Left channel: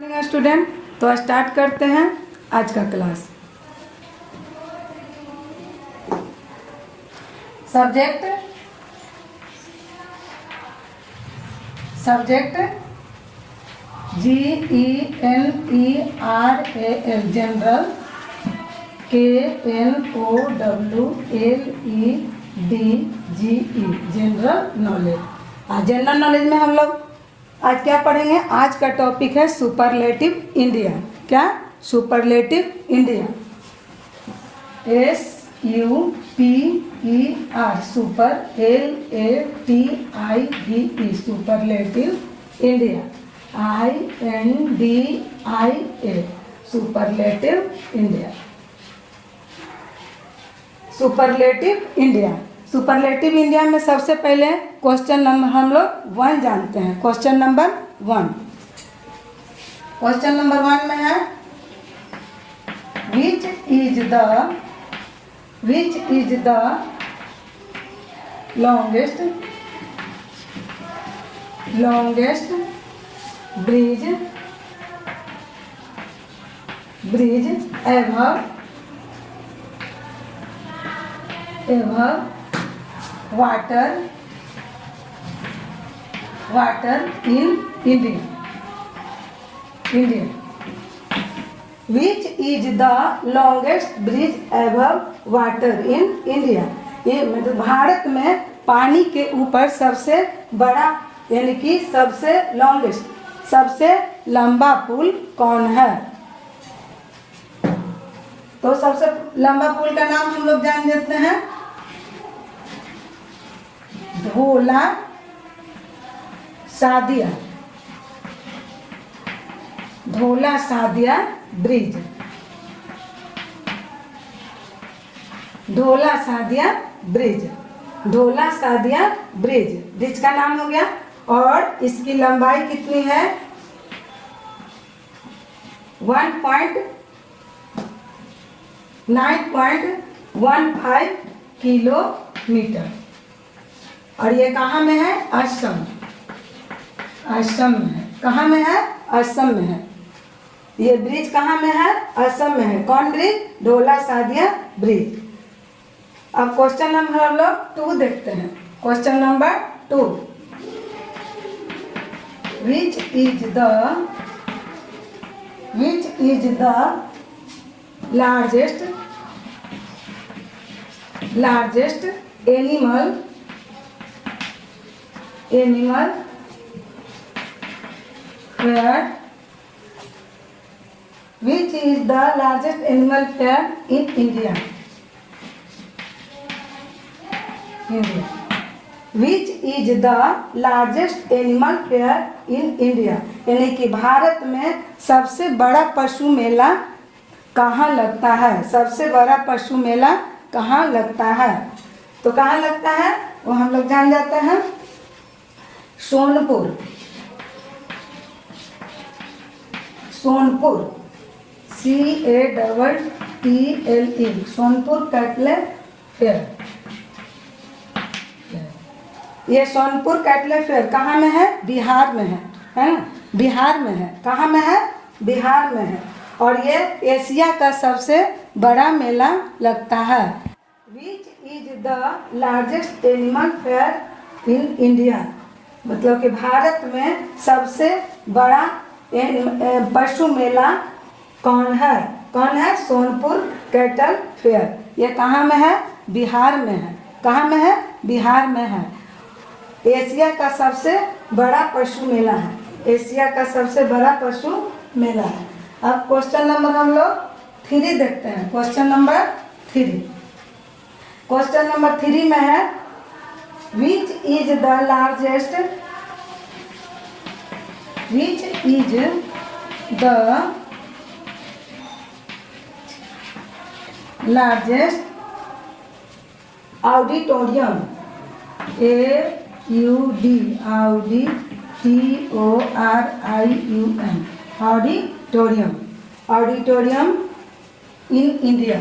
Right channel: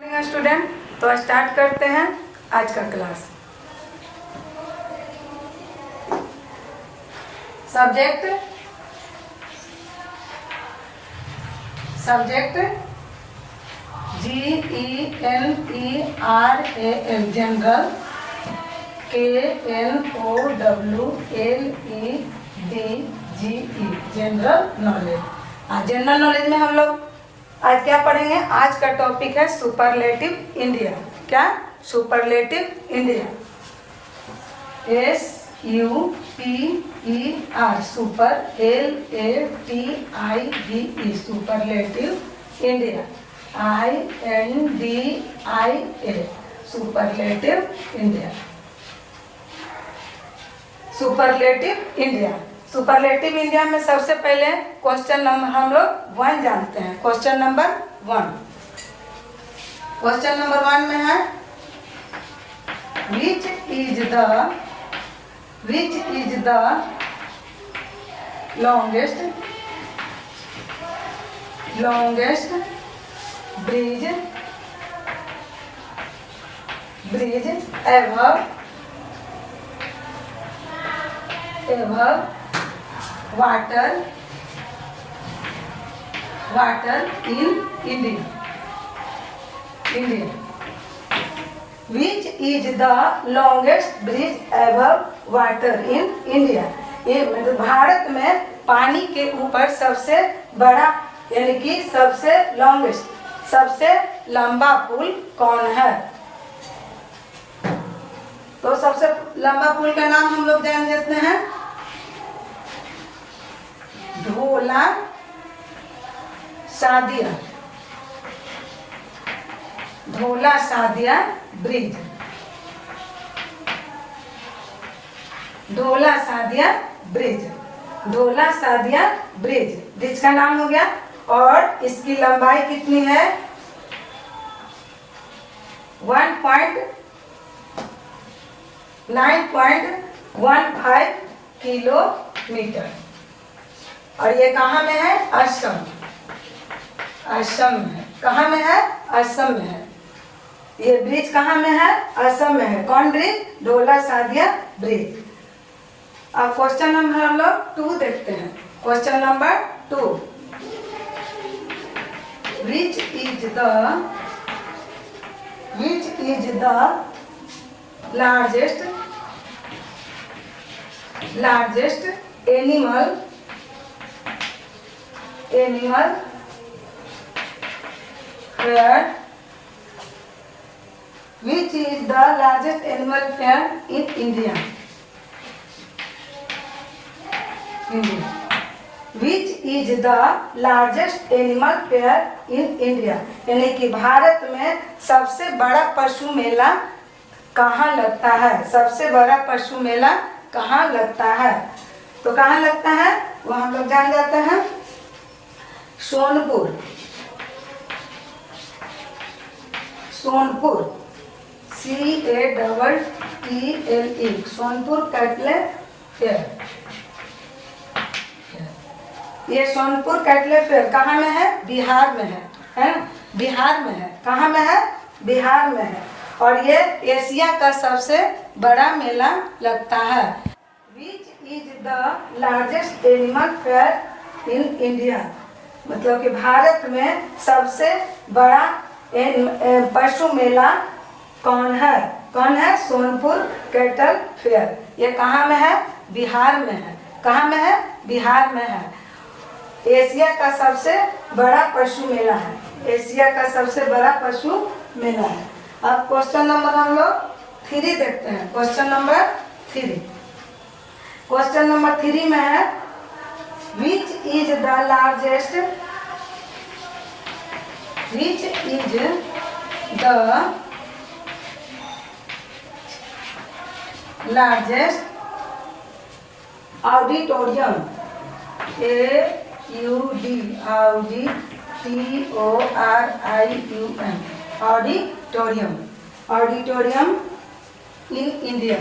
Student, तो start करते हैं आज का class. Subject GENERAL general, KNOWLEDGE general knowledge. General knowledge में हम लोग आज क्या पढ़ेंगे? आज का टॉपिक है सुपरलेटिव इंडिया। क्या? Superlative India. SUPER super, LATIVE superlative India, INDIA superlative India. Superlative India, superlative India में सबसे पहले क्वेश्चन नंबर हम लोग 1 जानते हैं। क्वेश्चन नंबर 1 में है which is the longest bridge ever water in India? Which is the longest bridge ever water in India? ये मतलब भारत में पानी के ऊपर सबसे बड़ा यानी कि सबसे लॉन्गेस्ट, सबसे लंबा पुल कौन है? तो सबसे लंबा पुल का नाम हम लोग जान लेते हैं, ढोला सादिया ब्रिज। ढोला सादिया ब्रिज का नाम हो गया। और इसकी लंबाई कितनी है? 9.15 किलोमीटर। और ये कहाँ में है? असम में है। कहाँ में है? असम में है। ये ब्रिज कहाँ में है? असम में है। कौन ब्रिज? ढोला सादिया ब्रिज। अब क्वेश्चन नंबर हम लोग 2 देखते हैं। Question number 2, which is the largest animal fair? Which is the largest animal fair in India? Which is the largest animal fair in India? यानी कि भारत में सबसे बड़ा पशु मेला कहाँ लगता है? सबसे बड़ा पशु मेला कहाँ लगता है? तो कहाँ लगता है वो हम लोग जान जाते हैं, सोनपुर CATTLE सोनपुर कैटले फेयर। ये सोनपुर कैटले फेयर कहाँ में है? बिहार में है ना? बिहार में है। कहाँ में है? बिहार में है। और ये एशिया का सबसे बड़ा मेला लगता है। Which is the largest animal fair in India? मतलब कि भारत में सबसे बड़ा पशु मेला कौन है? Sonpur cattle fair. ये कहाँ में है? बिहार में है। कहाँ में है? बिहार में है। एशिया का सबसे बड़ा पशु मेला है। एशिया का सबसे बड़ा पशु मेला है। अब क्वेश्चन नंबर हम लोग 3 देखते हैं। क्वेश्चन नंबर 3 में है which is the largest auditorium? auditorium in India.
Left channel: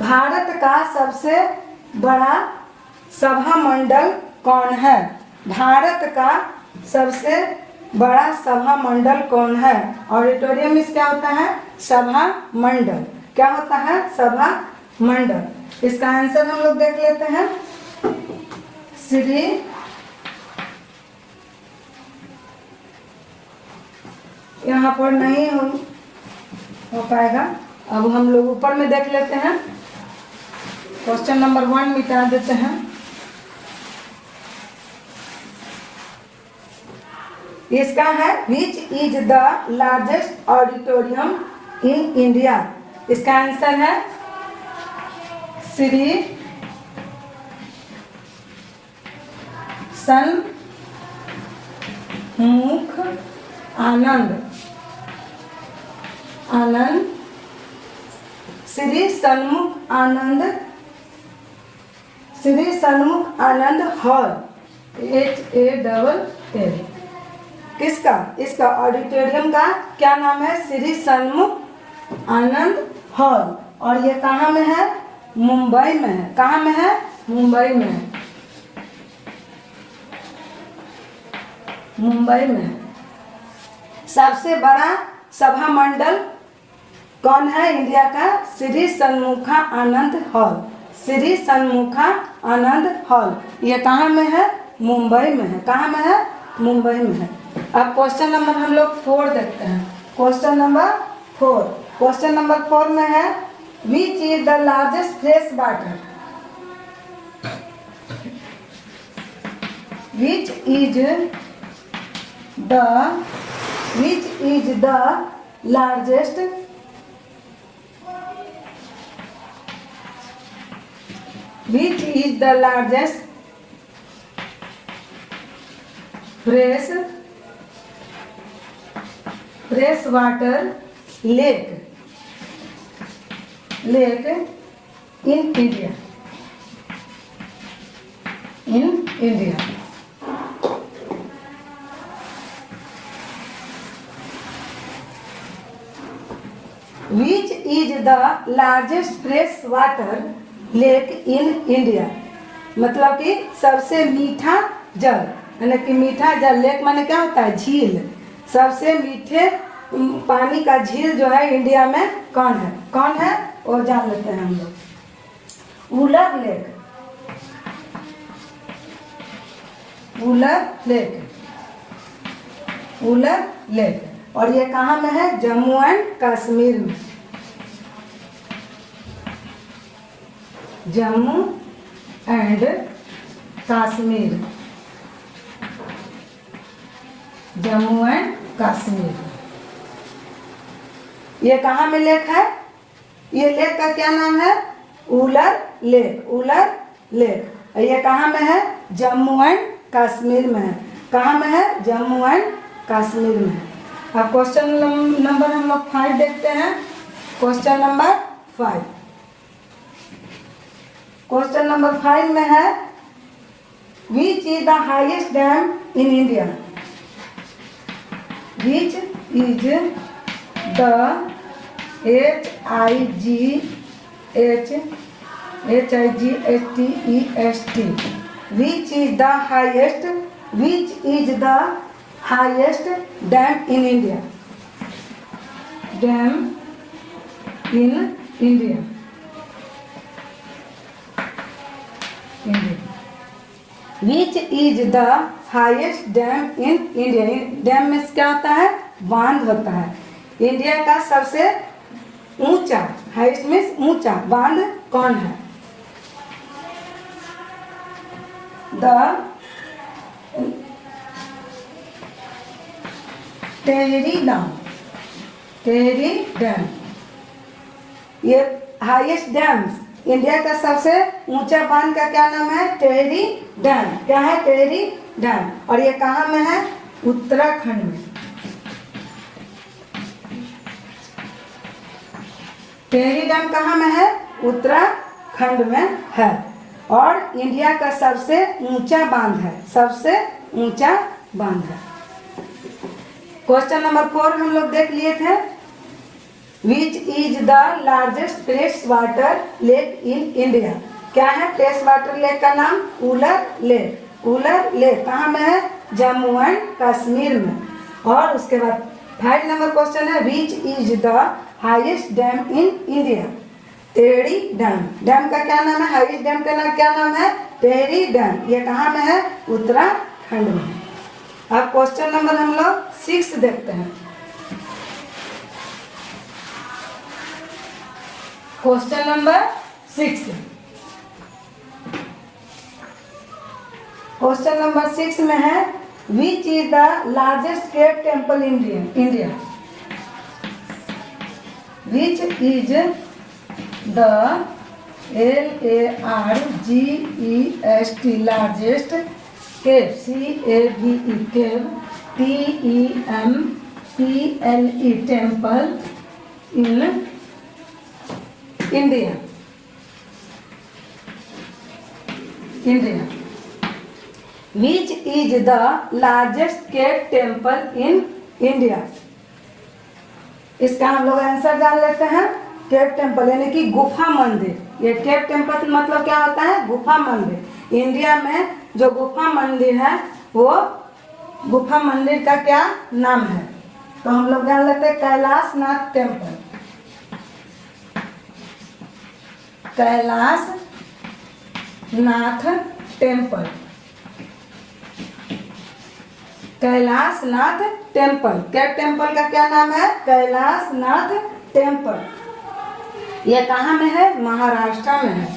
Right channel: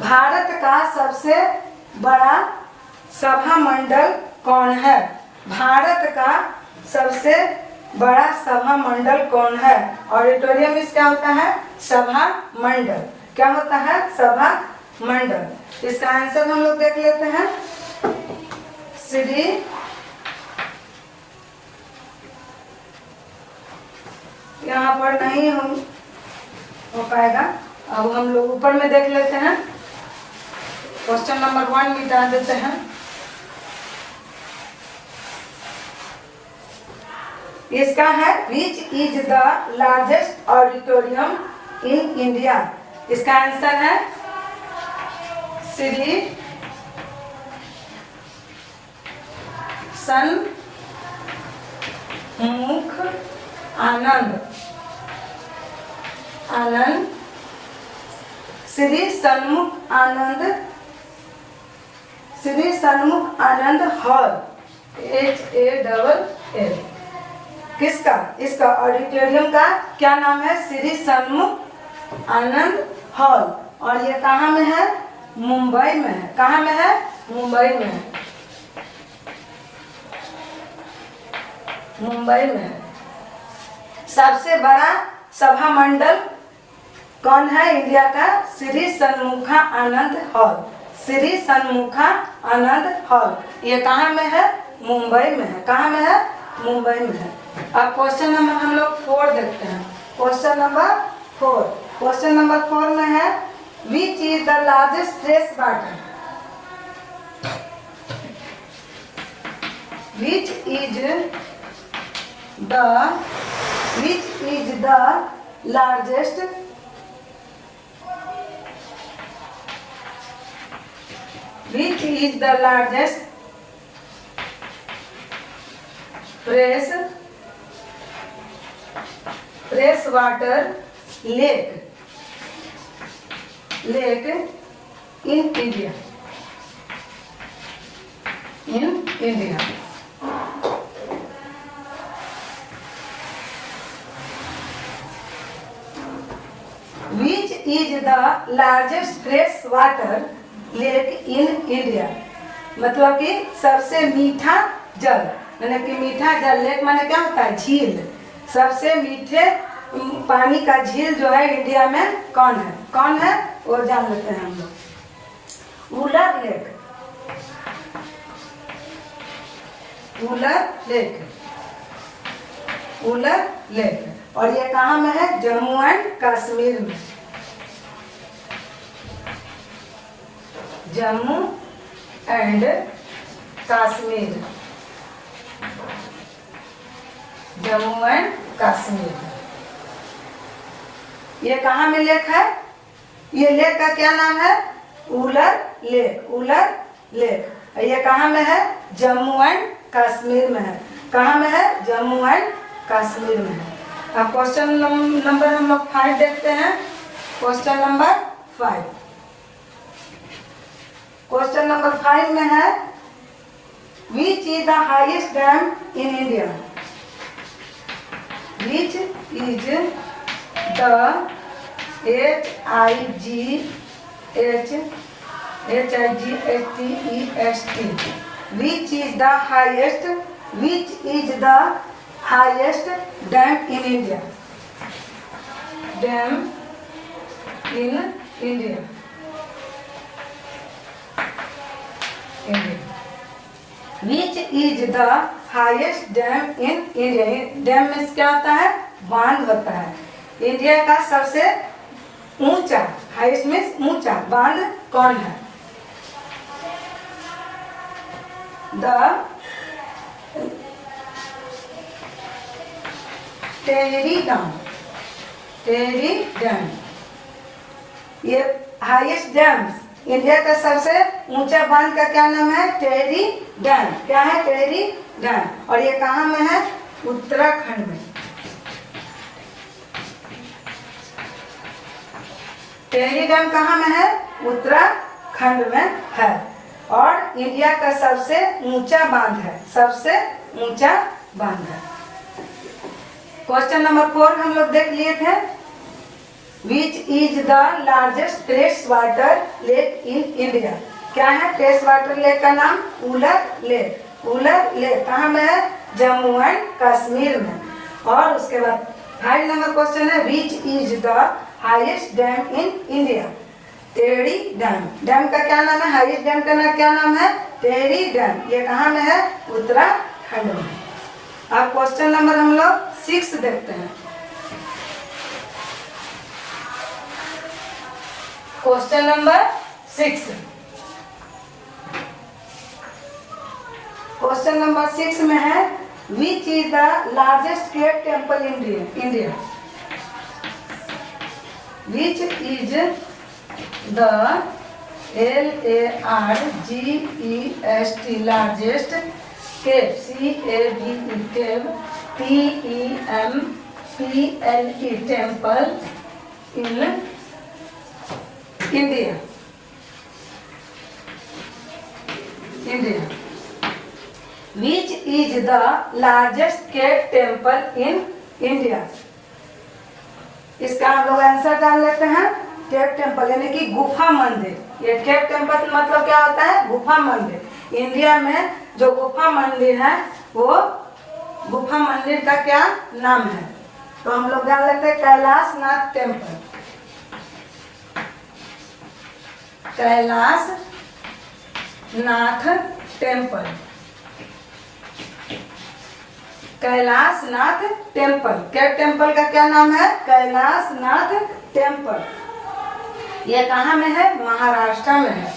Bharat का सबसे बड़ा सभा मंडल कौन है? भारत का सबसे बड़ा सभा मंडल कौन है? ऑडिटोरियम में क्या होता है? सभा मंडल। क्या होता है? सभा मंडल। इसका आंसर हम लोग देख लेते हैं। श्री यहाँ पर नहीं हो पाएगा। अब हम लोग ऊपर में देख लेते हैं। क्वेश्चन नंबर 1 मिटा देते हैं। इसका है which is the largest auditorium in India? इसका आंसर है श्री सन्मुख आनंद श्री सन्मुख आनंद हॉल HALL। किसका? इसका ऑडिटोरियम का क्या नाम है? श्री सन्मुख आनंद हॉल। और ये कहाँ में है? मुंबई में है। कहाँ में है? मुंबई में है। मुंबई में है। सबसे बड़ा सभा मंडल कौन है इंडिया का? श्री सन्मुखा आनंद हॉल। श्री सन्मुखा आनंद हॉल। ये कहाँ में है? मुंबई में है। कहाँ में है? मुंबई में है। अब क्वेश्चन नंबर हम लोग 4 देखते हैं। Question number 4। क्वेश्चन नंबर 4 में है which is the largest fresh water? Which is the largest fresh water lake in India? Which is the largest fresh water lake in India? मतलब कि सबसे मीठा जल, यानी कि मीठा जल। लेक माने क्या होता है? झील। सबसे मीठे पानी का झील जो है इंडिया में कौन है? कौन है? और जान लेते हैं हम लोग। वुलर लेक। और ये कहाँ में है? जम्मू एंड कश्मीर में। जम्मू एंड कश्मीर। ये कहाँ में लेक है? ये लेक का क्या नाम है? वुलर लेक। ये कहाँ में है? जम्मू एंड कश्मीर में है। कहाँ में है? जम्मू एंड कश्मीर में है। अब क्वेश्चन नंबर हम लोग 5 देखते हैं। Question number 5। क्वेश्चन नंबर 5 में है which is the highest dam in India? Which is the HIGHTEST which is the highest dam in India? Which is the highest dam in India? Dam में क्या होता है? बांध होता है। इंडिया का सबसे ऊंचा, हाईएस्ट मीन्स ऊंचा बांध कौन है? टेहरी डैम। ये हाईएस्ट डैम, इंडिया का सबसे ऊंचा बांध का क्या नाम है? टेहरी डैम। क्या है? टेहरी डैम। और ये कहाँ में है? उत्तराखंड में। टेहरी डैम कहाँ में है? उत्तराखंड में है। और इंडिया का सबसे ऊंचा बांध है। क्वेश्चन नंबर 4 हम लोग देख लिए थे। विच is the largest fresh water lake in India? क्या है टेस्ट वाटर लेक का नाम? उलर लेक। उलर लेक कहाँ में है? जम्मू एंड कश्मीर में। और उसके बाद 5 नंबर क्वेश्चन है, which is the highest dam in India? Tehri dam. Dam का क्या नाम है? हाईएस्ट डैम का नाम क्या नाम है? टेहरी डैम। ये कहाँ में है? उत्तराखंड में। अब क्वेश्चन नंबर हम लोग 6 देखते हैं। Question number 6। क्वेश्चन नंबर 6 में है, which is the largest cave temple in India? Which is the LARGEST largest cave, CAVE cave, TEMPLE temple in India? India. Which is the largest cave temple in India? इसका हम लोग answer जान लेते हैं। Cave temple यानी कि गुफा मंदिर। ये केव टेम्पल मतलब क्या होता है? गुफा मंदिर। इंडिया में जो गुफा मंदिर है वो गुफा मंदिर का क्या नाम है? तो हम लोग जान लेते हैं Kailash Nath temple. Kailash Nath temple. Kailash Nath temple. Cave temple का क्या नाम है? कैलाश नाथ टेम्पल। यह कहाँ में है? महाराष्ट्र में है।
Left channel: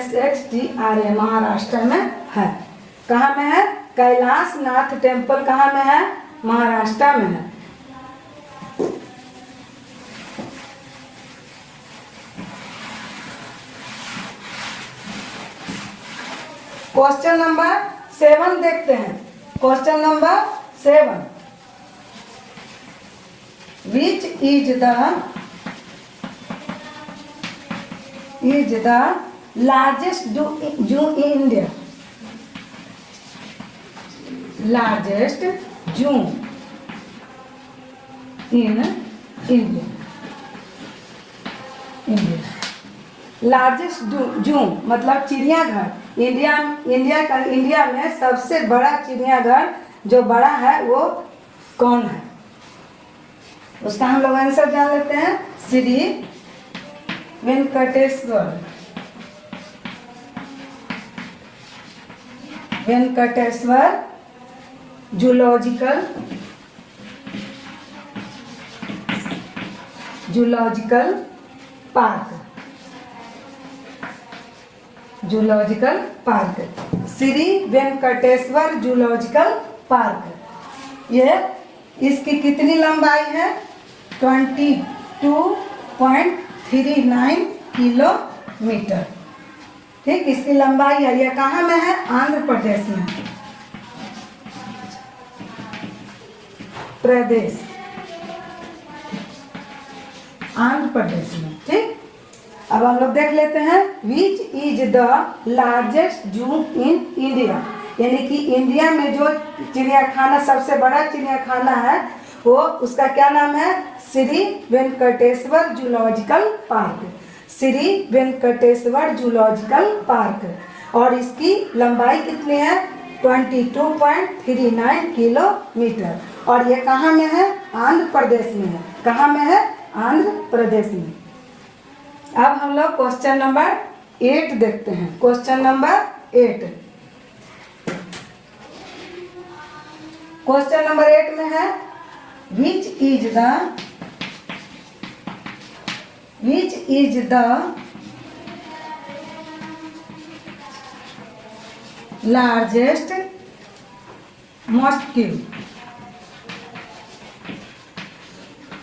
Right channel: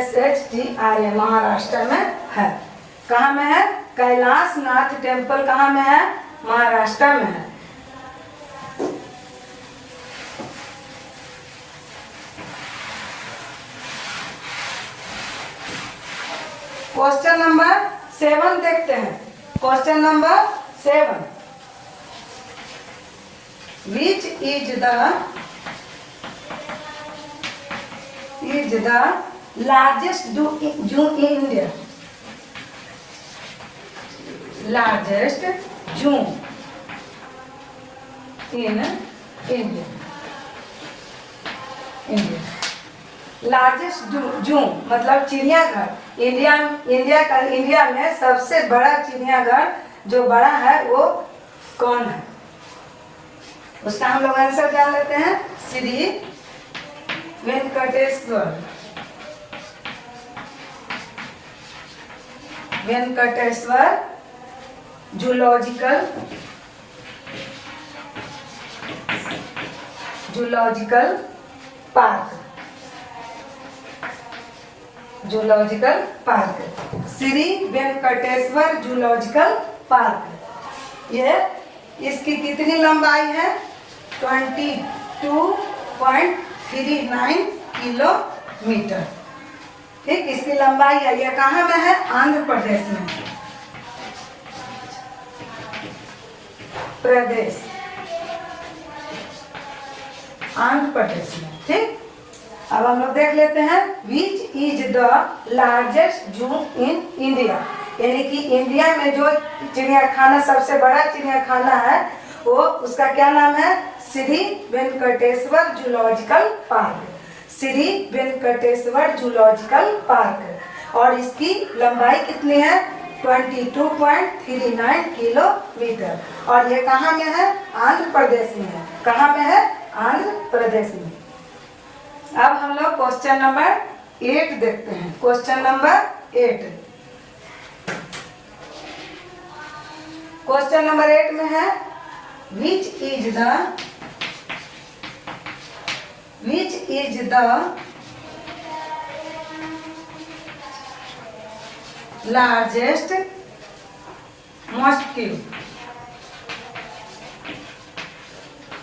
MAHARASHTRA महाराष्ट्र में है। कहाँ में है? कैलाश नाथ टेम्पल कहाँ में है? महाराष्ट्र में है। क्वेश्चन नंबर 7 देखते हैं। Question number 7, which is the largest जू इन इंडिया? लार्जेस्ट जू इन इंडिया। लार्जेस्ट जू मतलब चिड़ियाघर। इंडिया में सबसे बड़ा चिड़ियाघर जो बड़ा है वो कौन है? उसका हम लोग आंसर जान लेते हैं। Shri Venkateswara zoological park. Zoological park, Shri Venkateswara zoological park. ये इसकी कितनी लंबाई है? 22.39 किलोमीटर। ठीक, इसकी लंबाई है। यह कहाँ में है? आंध्र प्रदेश में। आंध्र प्रदेश में। ठीक, अब हम लोग देख लेते हैं, विच इज द लार्जेस्ट जू इन इंडिया? यानी कि इंडिया में जो चिड़ियाखाना सबसे बड़ा चिड़ियाखाना है वो उसका क्या नाम है? Shri Venkateswara zoological park. Shri Venkateswara zoological park. और इसकी लंबाई कितनी है? 22.39 किलोमीटर। और ये कहाँ में है? आंध्र प्रदेश में है। कहाँ में है? आंध्र प्रदेश में। अब हम लोग क्वेश्चन नंबर 8 देखते हैं। Question number 8। क्वेश्चन नंबर 8 में है, which is the largest mosque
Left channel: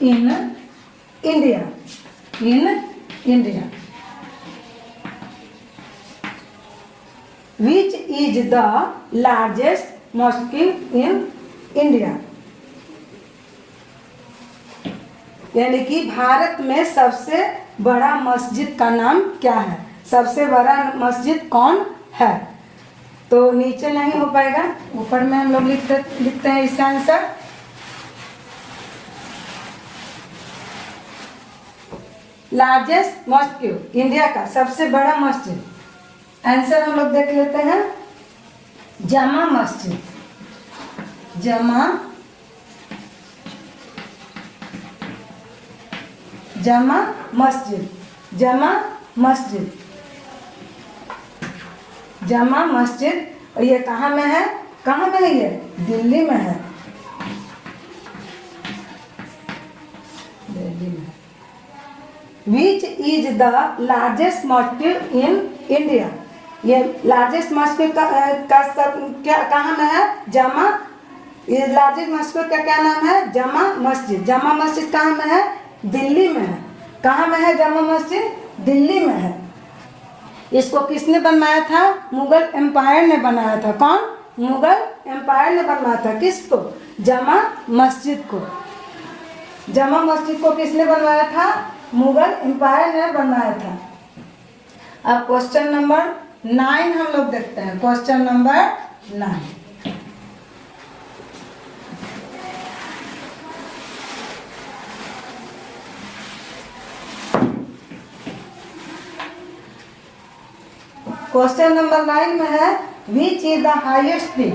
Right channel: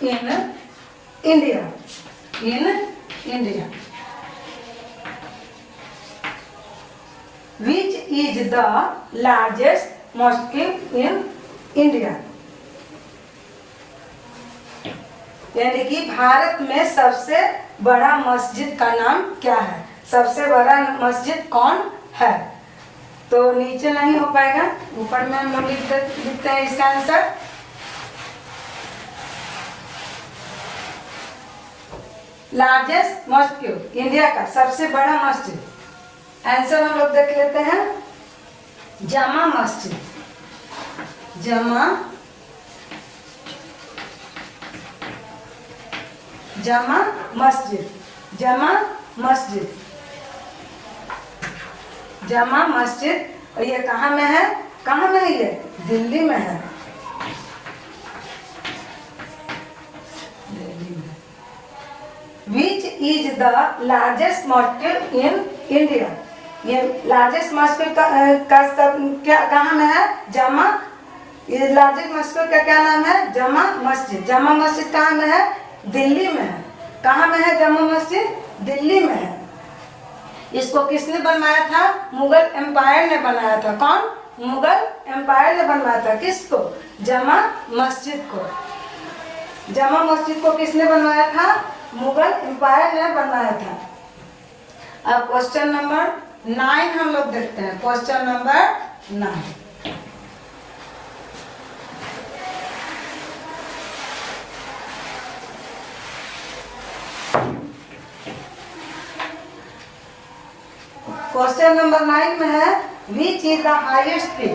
in India? Which is the largest mosque in India? यानी कि भारत में सबसे बड़ा मस्जिद का नाम क्या है? सबसे बड़ा मस्जिद कौन है? तो नीचे नहीं हो पाएगा, ऊपर में हम लोग लिखते हैं इसका आंसर। लार्जेस्ट मस्जिद, इंडिया का सबसे बड़ा मस्जिद। आंसर हम लोग देख लेते हैं, जामा मस्जिद, जामा मस्जिद, जामा मस्जिद, जामा मस्जिद। और ये कहाँ में है? कहाँ में है ये? दिल्ली में है, दिल्ली में। विच इज द लार्जेस्ट मस्जिद इन इंडिया? ये लार्जेस्ट मस्जिद का क्या कहाँ में है? जामा। ये लार्जेस्ट मस्जिद का क्या नाम है? जामा मस्जिद। जामा मस्जिद कहाँ में है? दिल्ली में है। कहाँ में है जामा मस्जिद? दिल्ली में है। इसको किसने बनवाया था? मुगल एम्पायर ने बनाया था। कौन? मुगल एम्पायर ने बनवाया था। किसको? जामा मस्जिद को। जामा मस्जिद को किसने बनवाया था? मुगल एम्पायर ने बनवाया था। अब क्वेश्चन नंबर 9 हम लोग देखते हैं। क्वेश्चन नंबर 9, क्वेश्चन नंबर 9 में है, which is the highest peak?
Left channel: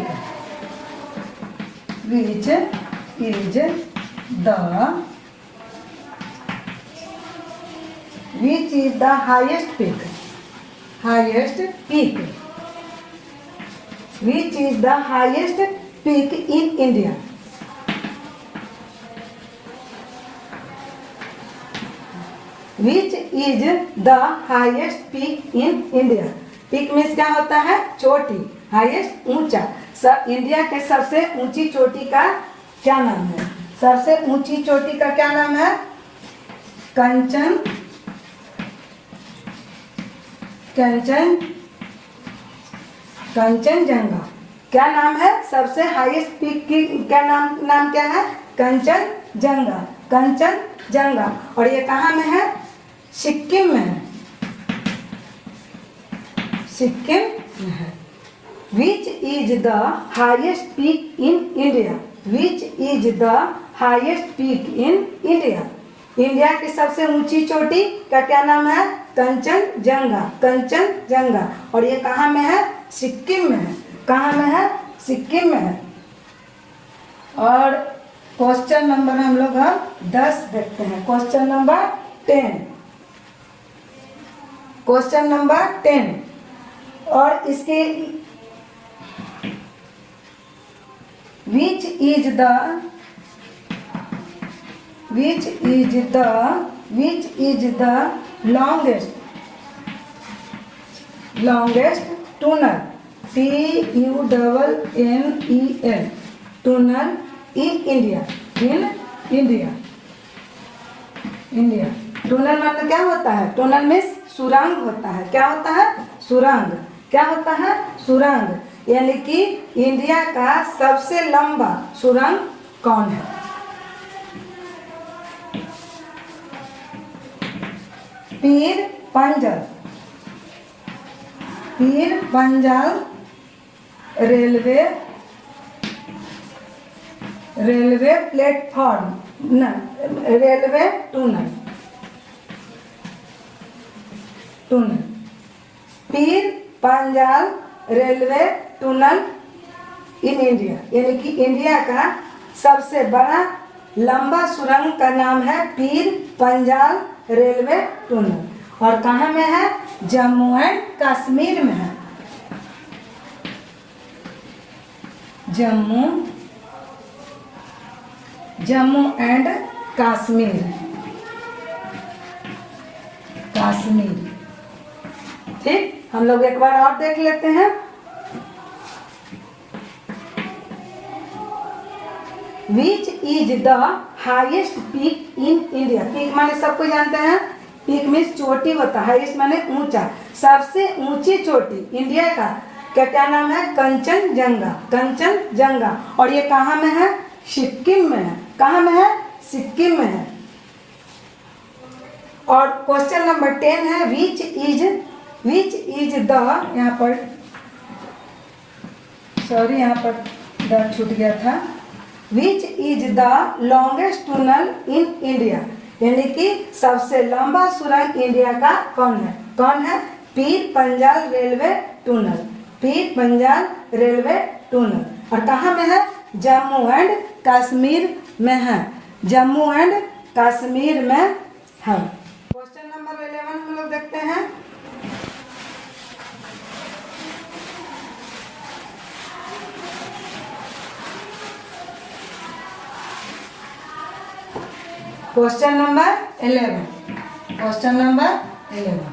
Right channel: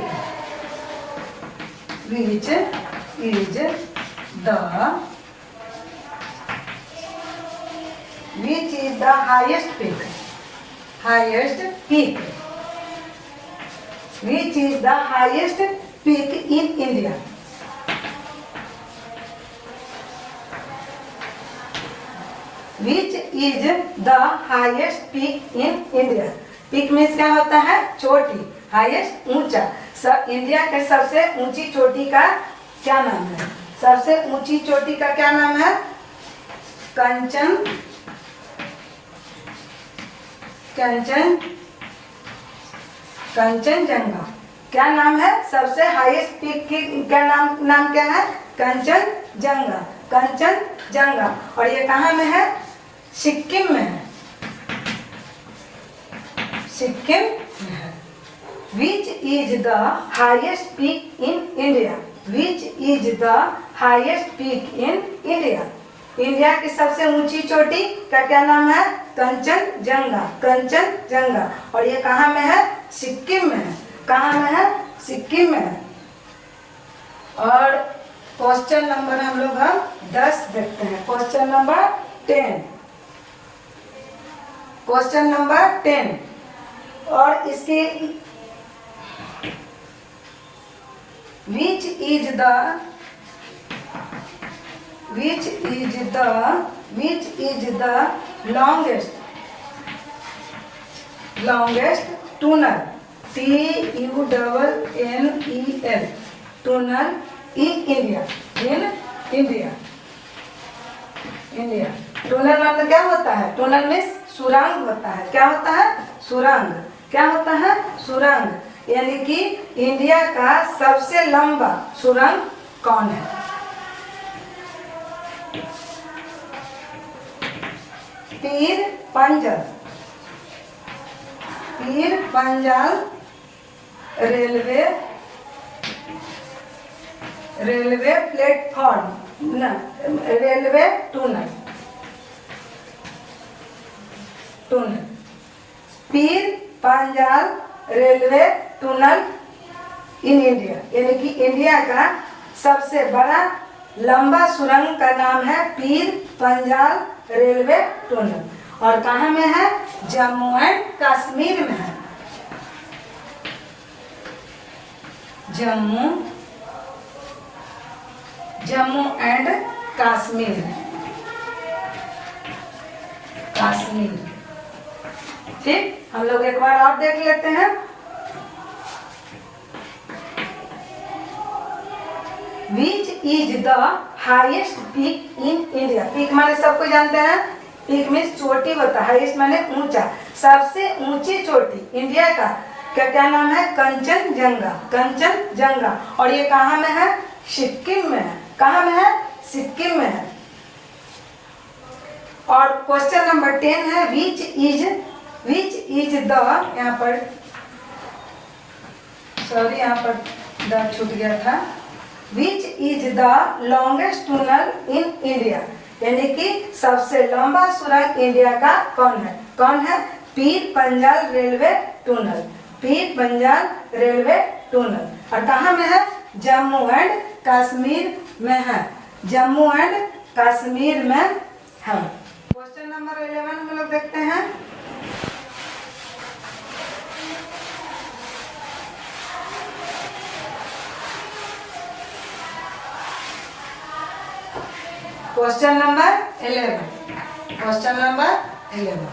Which is the highest peak? Highest peak. Which is the highest peak in India? Which is the highest peak in India? Peak में क्या होता है? चोटी, highest ऊंचा। India के सबसे ऊंची चोटी का क्या नाम है? सबसे ऊंची चोटी का क्या नाम है? कंचनजंगा। क्या नाम है? सबसे हाईएस्ट पीक की क्या नाम क्या है? कंचनजंगा। और ये कहाँ में है? सिक्किम में है, सिक्किम में है। Which is the highest peak in India? Which is the highest peak in India? India की सबसे ऊंची चोटी का क्या नाम है? कंचनजंगा। और ये कहाँ में है? सिक्किम में है। कहाँ में है? सिक्किम में है। और क्वेश्चन नंबर हम लोग 10 देखते हैं। Question number 10, question number 10। और इसके विच is the longest tunnel, TUNNEL, tunnel in India? Tunnel मतलब क्या होता है? टनल में सुरंग होता है। क्या होता है? सुरंग। क्या होता है? सुरंग। यानी कि इंडिया का सबसे लंबा सुरंग कौन है? Pir Panjal railway platform, railway tunnel. Pir Panjal railway tunnel in India, यानी कि इंडिया का सबसे बड़ा लंबा सुरंग का नाम है पीर पंजाल रेलवे टनल। और कहाँ में है? जम्मू एंड कश्मीर में है। जम्मू एंड कश्मीर। ठीक, हम लोग एक बार और देख लेते हैं। Which is the highest peak in India? Peak माने सबको जानते हैं, पीक में चोटी होता है, हाईएस्ट माने ऊंचा। सबसे ऊंची चोटी इंडिया का क्या नाम है? कंचनजंगा। और ये कहाँ में है? सिक्किम में है। कहाँ में है? सिक्किम में है। और क्वेश्चन नंबर 10 है, विच इज द, यहाँ पर सॉरी यहाँ पर द छूट गया था। विच is the longest tunnel in India? यानी कि सबसे लंबा सुरंग इंडिया का कौन है? पीर Panjal railway tunnel, Pir Panjal railway tunnel. और कहाँ में है? जम्मू एंड कश्मीर में है, जम्मू एंड कश्मीर में है। क्वेश्चन नंबर 11 हम लोग देखते हैं। Question number 11, question number 11,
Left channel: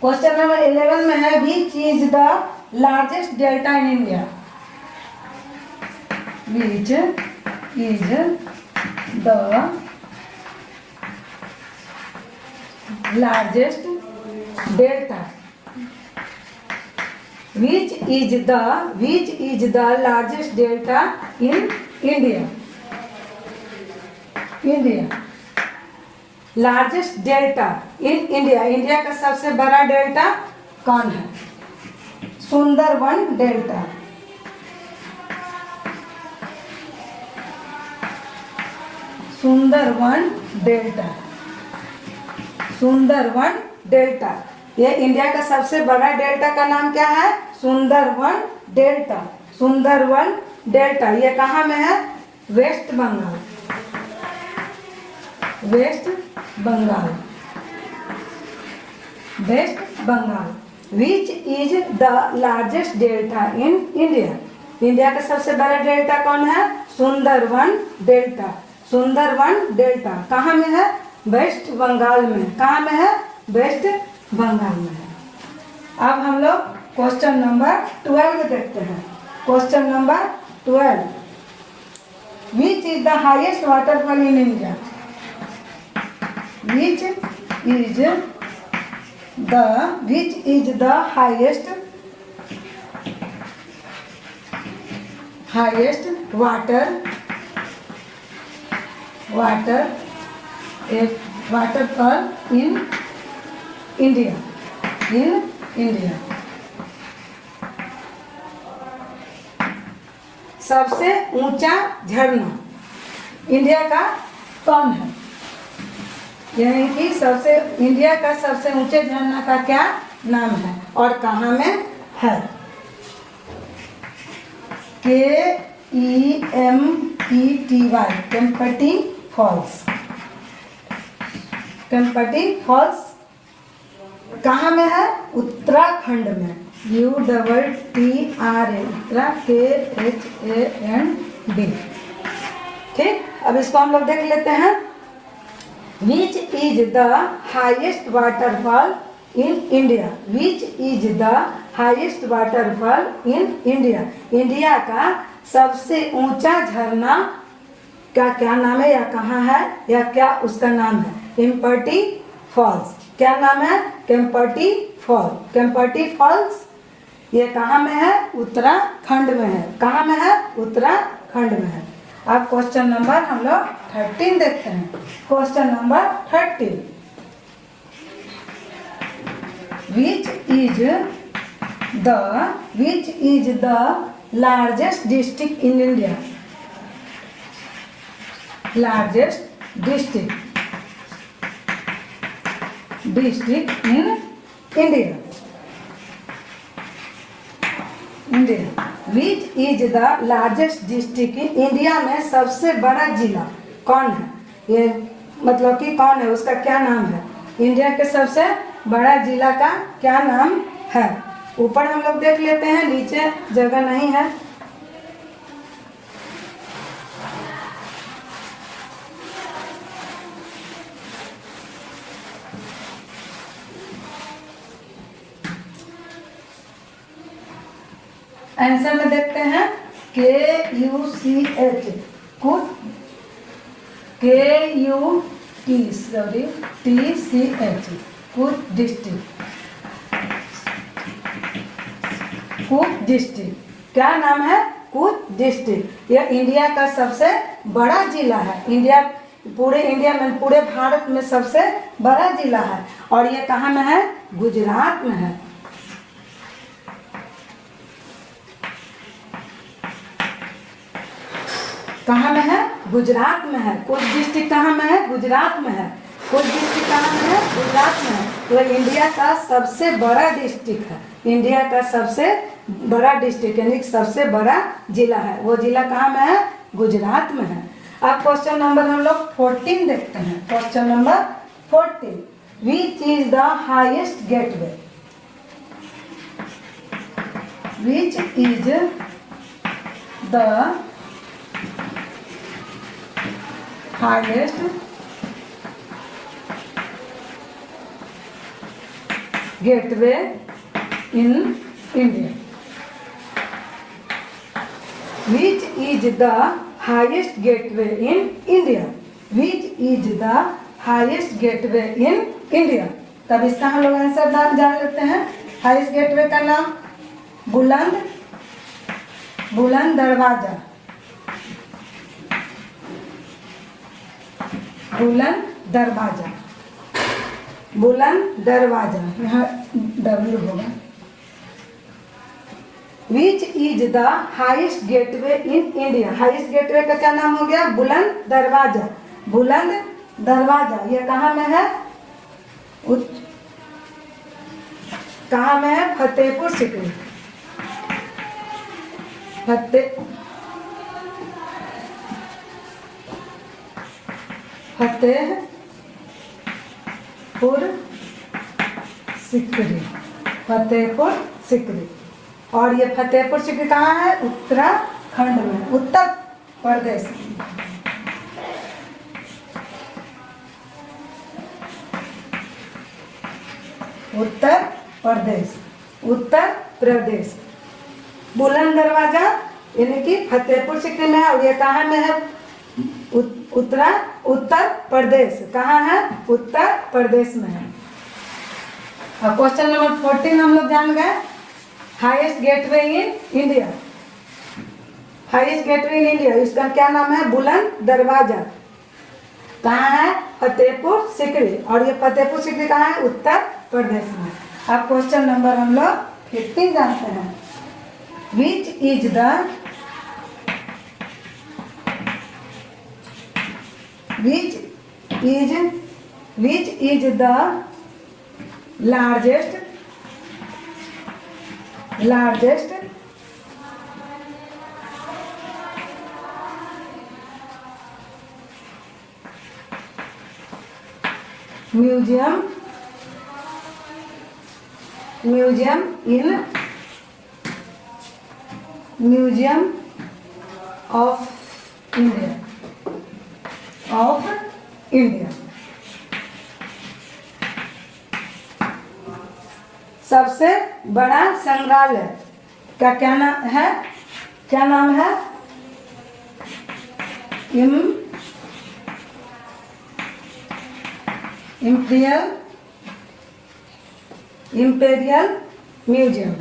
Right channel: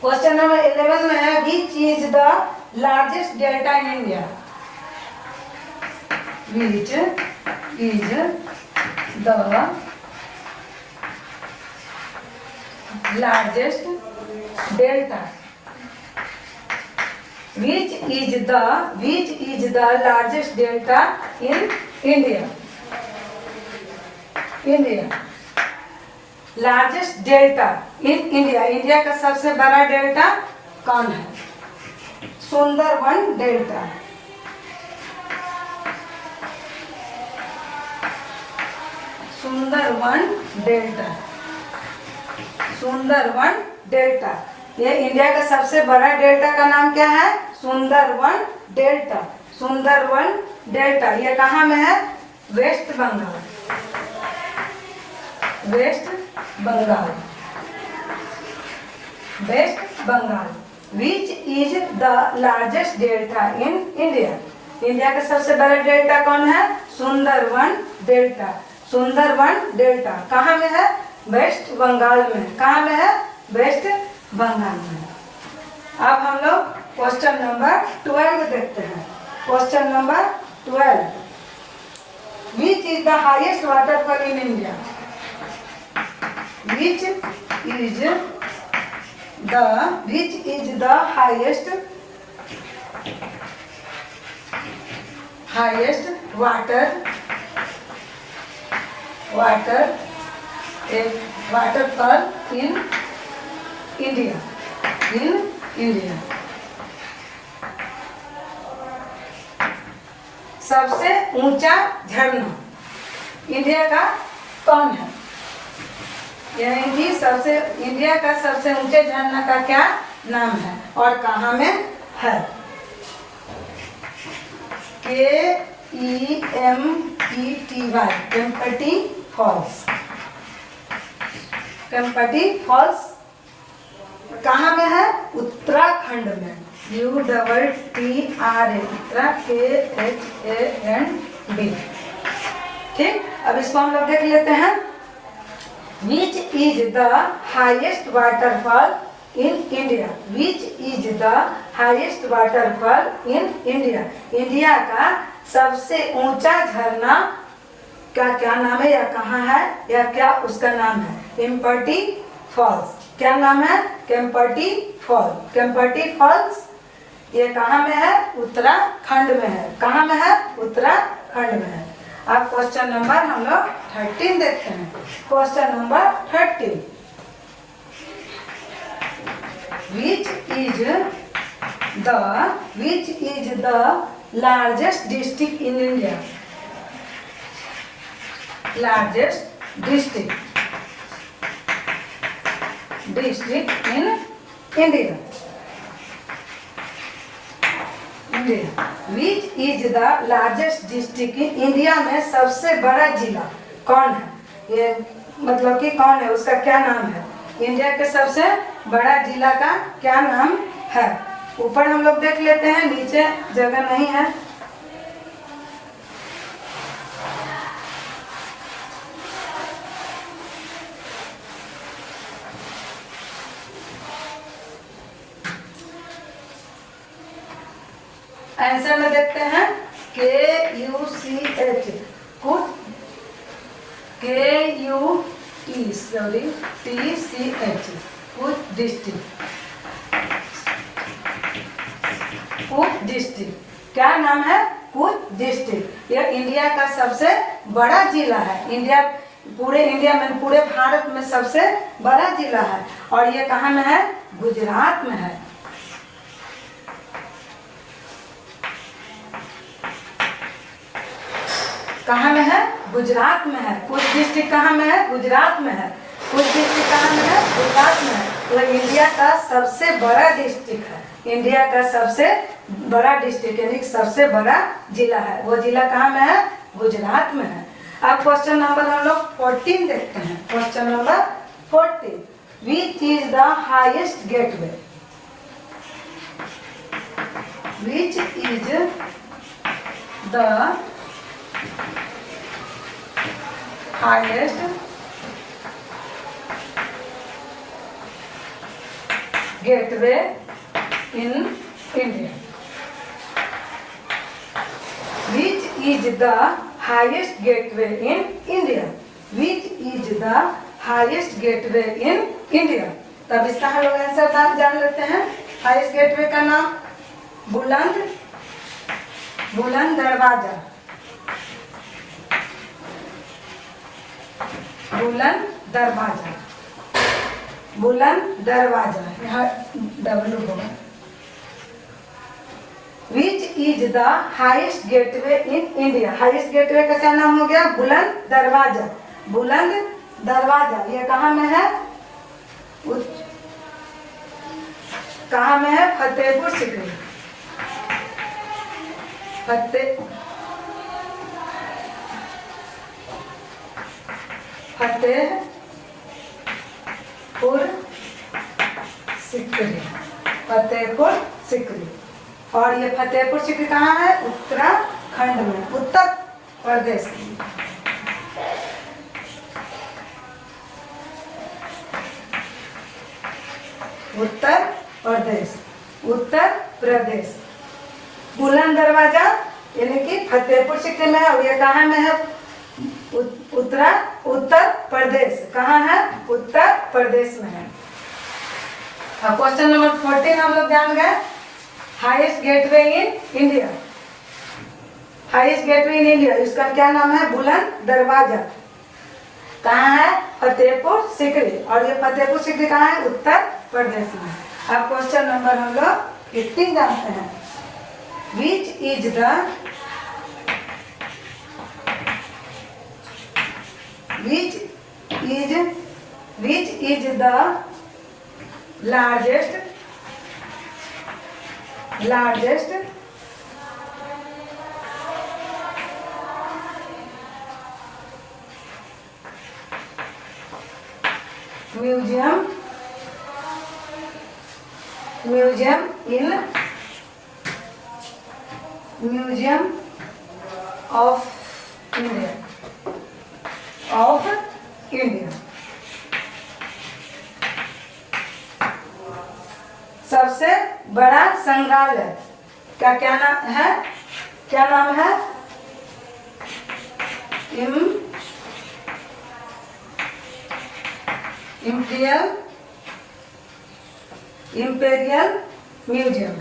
question number 11 में है which is the largest delta in India, which is the largest delta, which is the largest delta in India, largest delta in India, India का सबसे बड़ा delta कौन है? Sundarban delta, Sundarban delta, Sundarban delta. ये India का सबसे बड़ा डेल्टा का नाम क्या है? Sundarban delta, Sundarban delta. ये कहाँ में है? Waste Bengal, West Bengal, West Bengal. Which is the largest delta in India, India का सबसे बड़ा डेल्टा कौन है? Sundarban delta, Sundarban delta. कहाँ में है? वेस्ट बंगाल में। कहाँ में है? वेस्ट बंगाल में है। अब हम लोग क्वेश्चन नंबर 12 देखते हैं। Question number 12, which is the highest waterfall in India, which is the highest waterfall in India, सबसे ऊंचा झरना इंडिया का कौन है? यानी कि इंडिया का सबसे ऊंचे झरना का क्या नाम है और कहाँ में है? KEMPTY, Kempty Falls, Kempty Falls कहाँ में है? उत्तराखंड में, UTTRA, KHAND। ठीक, अब इसको हम लोग देख लेते हैं। Which is the highest waterfall in India, which is the highest waterfall in India, India का सबसे ऊंचा झरना का क्या नाम है या कहाँ है या क्या उसका नाम है? केम्पटी फॉल्स। क्या नाम है? Kempty Falls, Kempty Falls. ये कहाँ में है? उत्तराखंड में है। कहाँ में है? उत्तराखंड में है। अब क्वेश्चन नंबर हम लोग 13 देखते हैं। Question number 13, which is the largest district in India, largest district in India, which is the largest district in India में सबसे बड़ा जिला कौन है? ये मतलब कि कौन है, उसका क्या नाम है? इंडिया के सबसे बड़ा जिला का क्या नाम है? ऊपर हम लोग देख लेते हैं, नीचे जगह नहीं है। आंसर में देखते हैं KUCH, कुछ TCH, कुछ डिस्ट्रिक्ट। क्या नाम है? कुछ डिस्ट्रिक्ट। यह इंडिया का सबसे बड़ा जिला है। पूरे इंडिया में, पूरे भारत में सबसे बड़ा जिला है। और ये कहाँ में है? गुजरात में है। कहाँ में है? गुजरात में है। कुछ डिस्ट्रिक्ट कहाँ में है? गुजरात में है। कुछ डिस्ट्रिक्ट कहाँ में है? गुजरात में है। तो इंडिया का सबसे बड़ा डिस्ट्रिक्ट है, इंडिया का सबसे बड़ा डिस्ट्रिक्ट यानी सबसे बड़ा जिला है। वो जिला कहाँ में है? गुजरात में है। अब क्वेश्चन नंबर हम लोग 14 देखते हैं। Question number 14, which is the highest gateway? Which is the highest gateway in India? Which is the highest gateway in India? Which is the highest gateway in India? तब इसका हम लोग आंसर जान लेते हैं। हाईएस्ट गेटवे का नाम बुलंद दरवाजा, बुलंद दरवाजा, यहाँ डबल होगा। विच is the highest gateway in India? Highest gateway का क्या नाम हो गया? बुलंद दरवाजा। ये कहाँ में है? कहाँ में है? फतेहपुर सीकरी। फतेहपुर सीकरी। और ये फतेहपुर सीकरी कहाँ है? उत्तराखंड में, उत्तर प्रदेश। उत्तर प्रदेश। बुलंद दरवाजा यानी कि फतेहपुर सीकरी में है। और ये कहाँ में है? उत्तर प्रदेश। कहाँ है? उत्तर प्रदेश में है। अब क्वेश्चन नंबर 14 हम लोग जान गए। Highest gateway in India. Highest gateway in India, इसका क्या नाम है? बुलंद दरवाजा। कहाँ है? फतेहपुर सीकरी। और ये फतेहपुर सीकरी कहाँ है? उत्तर प्रदेश में। अब क्वेश्चन नंबर हम लोग 15 जानते हैं। Which is the largest museum of India। सबसे बड़ा संग्रहालय का क्या नाम है? Imperial museum,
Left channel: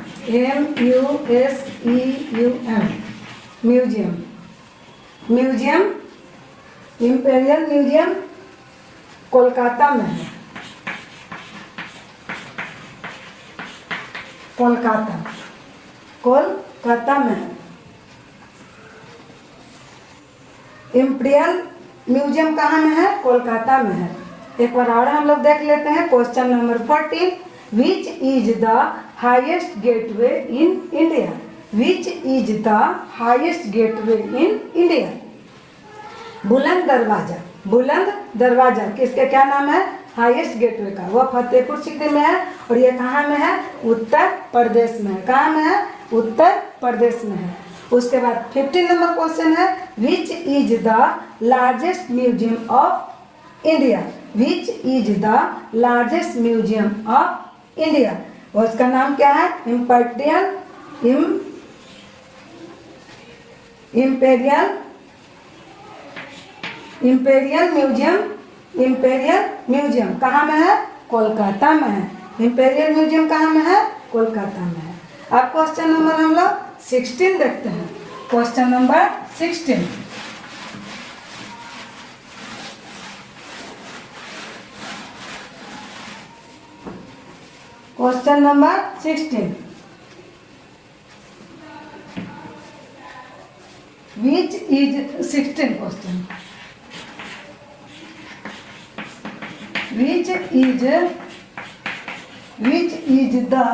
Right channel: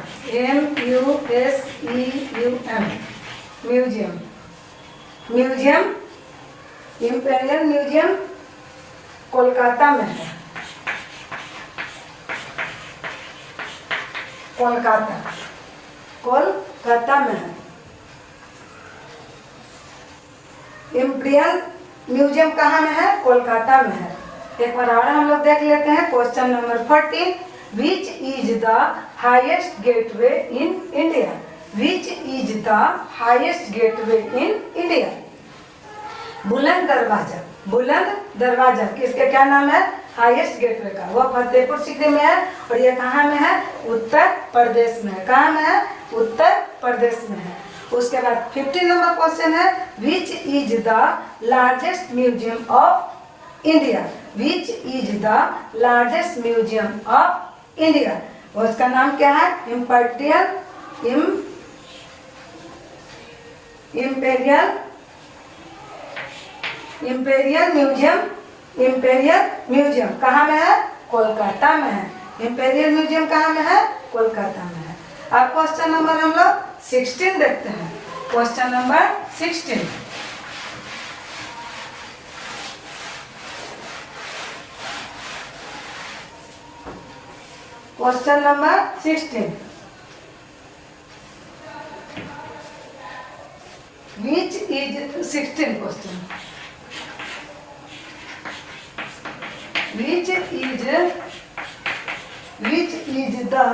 MUSEUM, imperial museum Kolkata में है। कोलकाता में है। इम्पेरियल म्यूजियम कहाँ में है? कोलकाता में है। एक बार और हम लोग देख लेते हैं। Question number 14, which is the highest gateway in India? Which is the highest gateway in India? बुलंद दरवाजा किसके क्या नाम है? हाईएस्ट गेटवे का। वह फतेहपुर सीकरी में है। और ये कहाँ में है? उत्तर प्रदेश में है। कहाँ में है? उत्तर प्रदेश में है। उसके बाद 15 नंबर क्वेश्चन है, which is the largest museum of India? Which is the largest museum of India? और उसका नाम क्या है? इम्पेरियल म्यूजियम कहाँ में है? कोलकाता में है। इम्पेरियल म्यूजियम कहाँ में है? कोलकाता में है। अब क्वेश्चन नंबर हम लोग 16 देखते हैं। Question number 16, question number 16, which is 16 question, which is the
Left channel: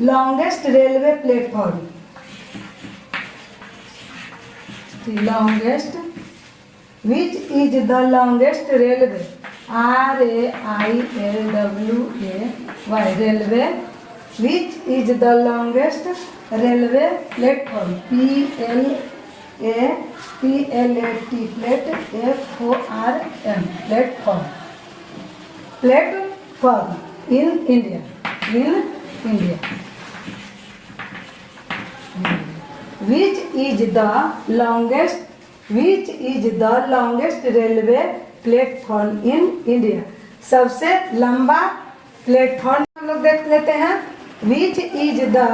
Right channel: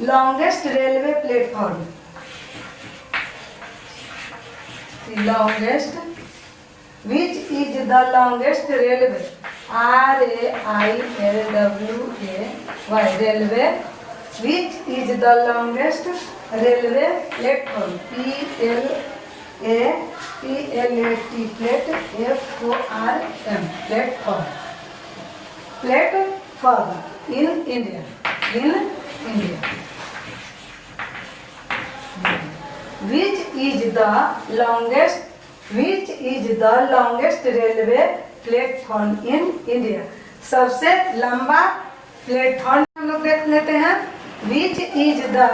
longest railway platform, longest, which is the longest railway, RAILWAY, railway, which is the longest railway platform, PLAT, platform, platform in India, which is the longest railway platform in India, सबसे लंबा platform हम लोग देख लेते हैं। which is the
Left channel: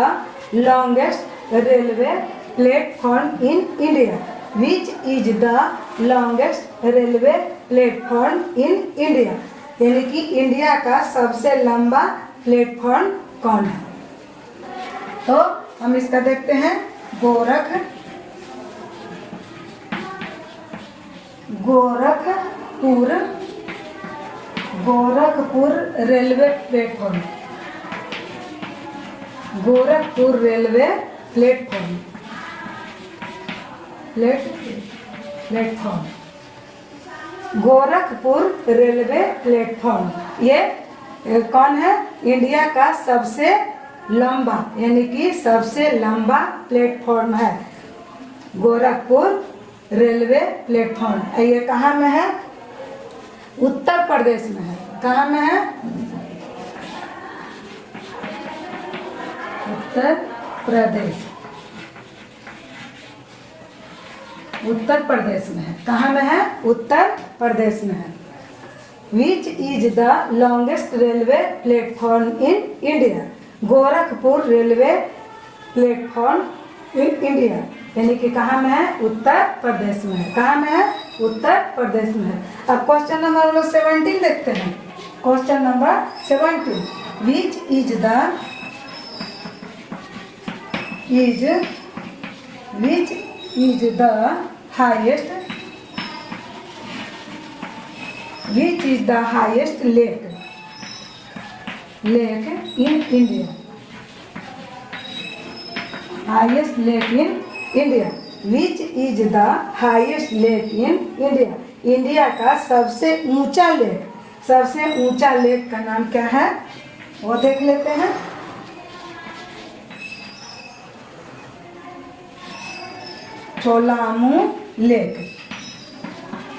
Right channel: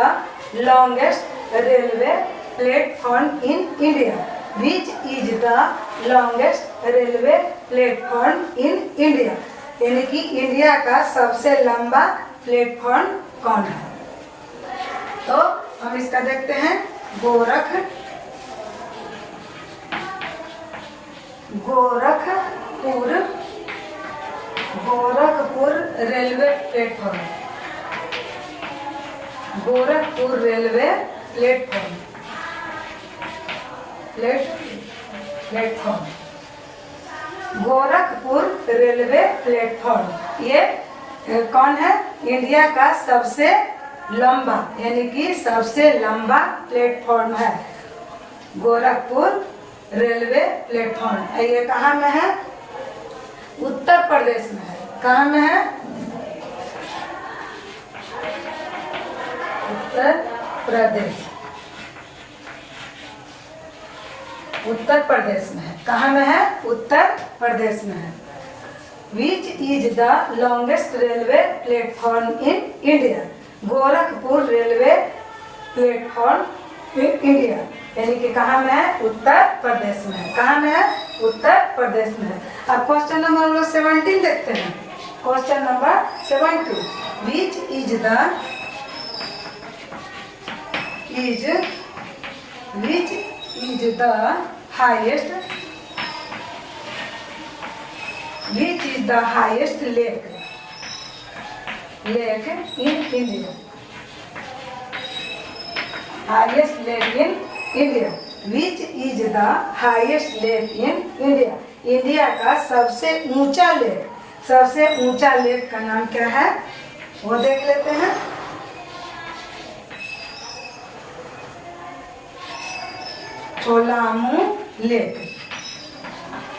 longest railway platform in India, which is the longest railway platform in India, यानी कि India का सबसे लंबा प्लेटफॉर्म कौन है। तो हम इसका देखते हैं। Gorakhpur railway platform, Gorakhpur railway platform, Gorakhpur railway platform, ये कौन है? इंडिया का सबसे लंबा, यानी कि सबसे लंबा प्लेटफॉर्म है गोरखपुर रेलवे प्लेटफॉर्म। ये कहाँ में है? उत्तर प्रदेश में है। कहाँ में है? उत्तर प्रदेश, उत्तर प्रदेश में है। कहाँ में है? उत्तर प्रदेश में है। Which is the longest railway platform in India, Gorakhpur railway platform in India, यानी कि कहाँ में है? उत्तर प्रदेश में है। कहाँ में है? उत्तर प्रदेश में है। अब क्वेश्चन नंबर 17 देखते हैं। Question number 17, which is the highest, which is the highest lake in India, highest lake in India, which is the highest lake in India, India का सबसे ऊंचा लेक, सबसे ऊंचा लेक का नाम क्या है? वो देख लेते हैं। चोलामू लेक,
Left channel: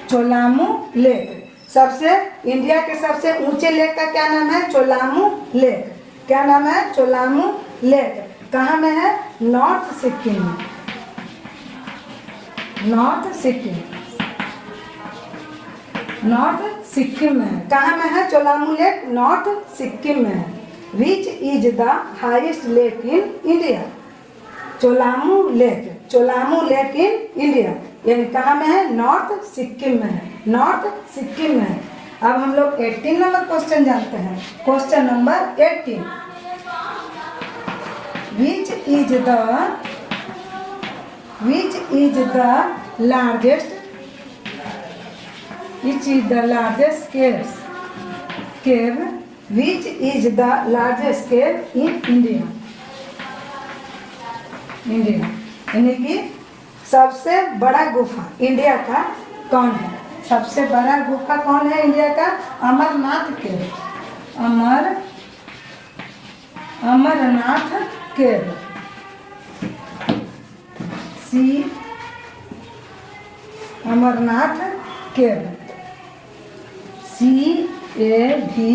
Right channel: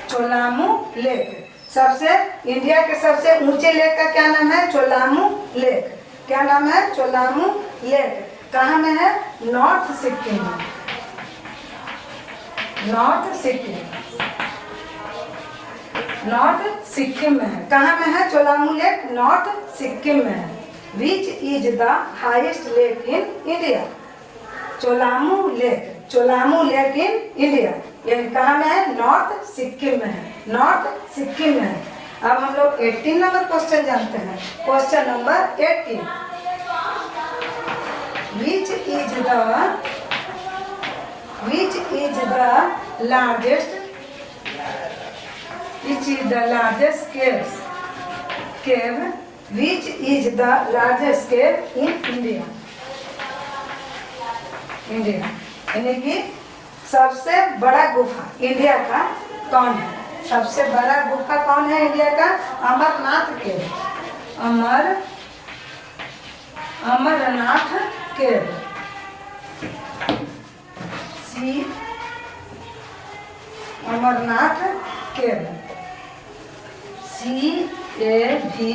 चोलामू लेक, सबसे इंडिया के सबसे ऊंचे लेक का क्या नाम है? चोलामू लेक। क्या नाम है? चोलामू लेक। कहाँ में है? नॉर्थ सिक्किम में, नॉर्थ सिक्किम, नॉर्थ सिक्किम में है। कहाँ में है चोलामू लेक? नॉर्थ सिक्किम में है। Which is the highest lake in India, Cholamu lake, Cholamu lake in India, यानी कहाँ में है? नॉर्थ सिक्किम में है, नॉर्थ सिक्किम में है। अब हम लोग 18 नंबर क्वेश्चन जानते हैं। Question number 18, which is the largest, which is the largest cave, which is the largest cave in India, यानी कि सबसे बड़ा गुफा इंडिया का कौन है? सबसे बड़ा गुफा कौन है इंडिया का? अमरनाथ केव, अमरनाथ केव, अमरनाथ केव, CAVE,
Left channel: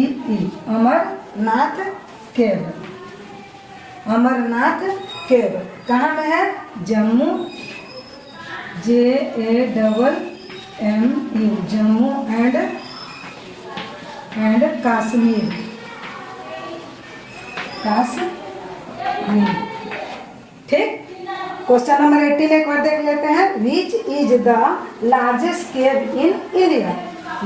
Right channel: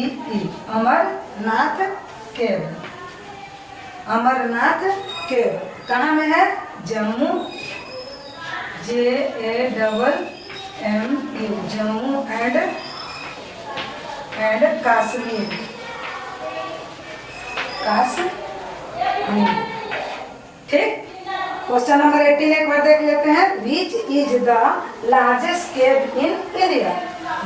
अमरनाथ केव, अमरनाथ केव। कहाँ में है? जम्मू, JAMMU, जम्मू एंड कश्मीर, ठीक। क्वेश्चन नंबर 18 एक बार देख लेते हैं। Which is the largest cave in India,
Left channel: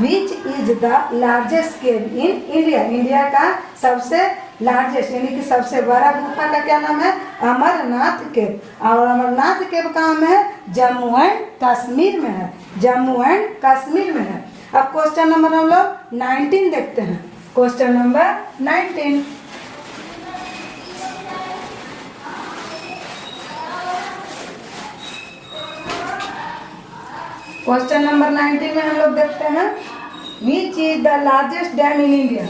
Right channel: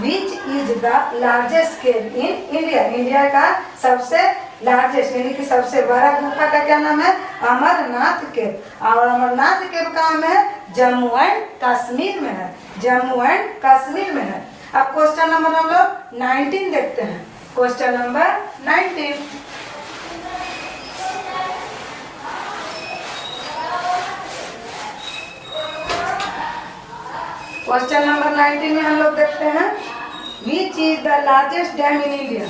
which is the largest cave in India, India का सबसे लार्जेस्ट यानी कि सबसे बड़ा गुफा का क्या नाम है? अमरनाथ केव। और अमरनाथ केव कहाँ में है? जम्मू एंड कश्मीर में है, जम्मू एंड कश्मीर में है। अब क्वेश्चन नंबर हम लोग 19 देखते हैं। क्वेश्चन नंबर 19, क्वेश्चन नंबर 19 में हम लोग देखते हैं which is the largest dam in India?